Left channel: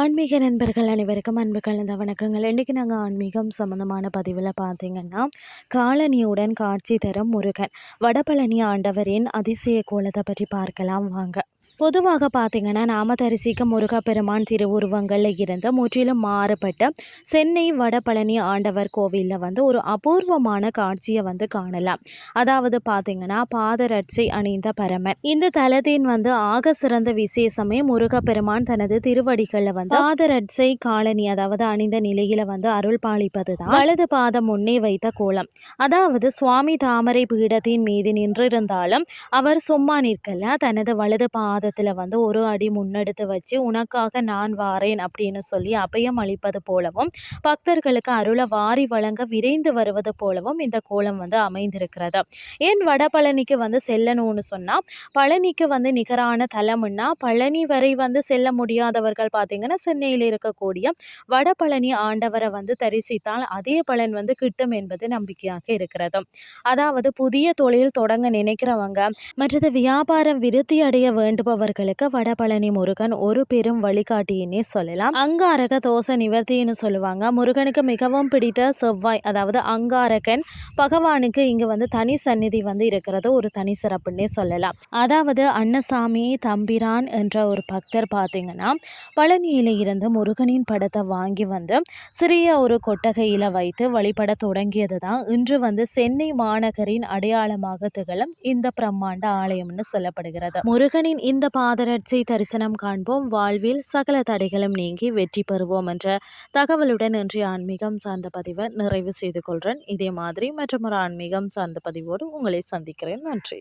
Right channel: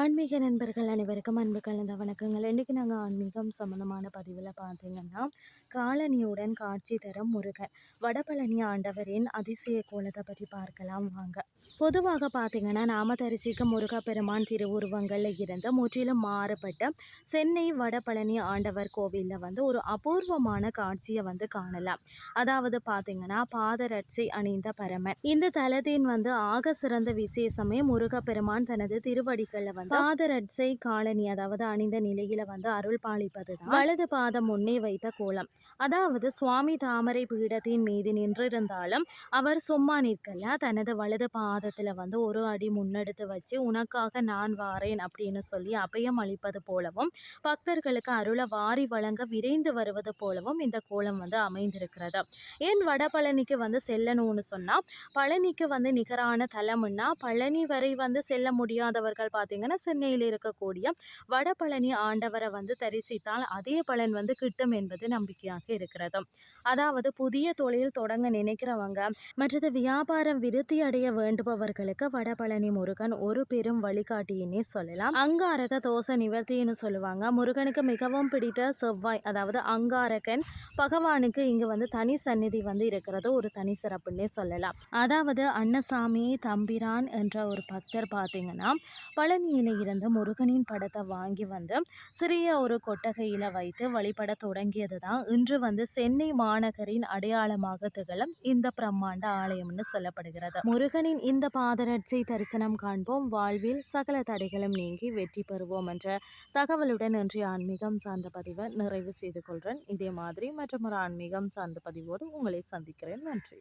ஆன்மீக நண்பர்கள் அனைவருக்கும் அன்பு கலந்த வணக்கங்கள். இன்றைக்கி நாங்கள் ஆன்மீகம் சம்மந்தமான பதிவில் பார்த்திங்கன்னா காலனியுடன் காட்சி தரும் முருகன் வடபழனி ஆண்டவரின் அதிசய கோலத்தை பற்றி பார்க்கலாம். வாங்க. பொதுவாக பார்த்தீங்கன்னா நாம தரிசிக்கும் முருகப்பெருமான் திருவுருவங்களில் இருந்து முற்றிலும் மாறுபட்ட சென்னை வடபழனி ஆண்டவர் கோவிலில் வந்து ஒரு அபூர்வமான காட்சியை வந்து காணலாம். அதாவது பார்த்தீங்கன்னா பாதரட்சை அணிந்த பரமன். இந்த தலத்தின் வந்து ஆக சிறந்த விசேஷமே முருகப்பெருமான் தனது திருவடிகளில் வந்து பாதரட்சை காலனி அதாவது அணிந்த நிலையில வந்து அருள் பாலிப்பது தான் வலது பாதம் முன்னே வைத்த கோலம். அதாவது சுவாமி தாமரை பீடத்தின் மீது நின்றிருந்தாலும் அவர் சும்மா நிற்கல தனது வலது பாத பாதத்தில் வந்து ஒரு அடி முன்னெடுத்து வச்சு உனக்காக நான் வாரேன் அப்படின்னு சொல்லி அபயம் அளிப்பது போலவும் பக்தர்களுக்கு அருளை வாரி வழங்க விரைந்து வருவது போலவும் இந்த கோலம் வந்து அமைந்திருக்கிறது. ஏன் வடபழனிக்கு வந்து செல்லணும்னு சொன்னால் பழனிக்கு வந்து நிகரான தலம்னா பழனி வரை வந்து செல்ல முடியாதவர்கள் பார்த்தீங்கன்னா சென்னையில் இருக்கக்கூடிய வடபழனி ஆண்டவரை வந்து தரிசித்தால் அதே பலன் வந்து கிட்டும் என்பது நம்பிக்கையாக இருக்கிறது. அதாவது புதிய தொழில் தொடங்க நினைக்கிறவங்க மற்றது வியாபாரம் விருத்தி அடைய அவர்களுக்கு வடபழனி முருகன் ஒரு பெரும் வழிகாட்டியினே சொல்லலாம். அங்காரக தோசை நிவர்த்தின்னு சொல்லுவாங்க. முருகனுக்கு மிகவும் பிடித்த செவ்வாய் அதாவது அங்காரகன் பகவானுக்கு இங்கு வந்து தனி சந்நிதி வந்து இருக்கிறது ஒரு தனி சிறப்புன்னே சொல்லலாம். அதாவது அன்னசாமி தம்பிரான் என்ற ஒரு பக்தர் பார்த்தீங்கன்னா பழனியில இருந்து முருகனின் படத்தை வாங்கி வந்து சிறிய ஒரு கொட்டகையில வைத்து வழிபட தொடங்கியது தான் இன்று வந்து சென்னை மாநகரின் அடையாளமாக திகழும் இந்த பிரம்மாண்ட ஆலயம்னு சொல்லப்படுகிறது. முருகனின் இந்த பாதரட்சை தரிசனம் காண்போம். வாழ்வில் சகல தடைகளும் நீங்கி வெற்றி பெறுவோம் என்ற தகவலுடன் இன்றைய ஆன்மீகம் சார்ந்த பதிவை நிறைவு செய்து கொள்கிறேன் இதே மாதிரி மற்றும் ஒரு ஆன்மீகம் சார்ந்த பதிவோடு உங்களை சந்திக்கிறேன். நன்றி.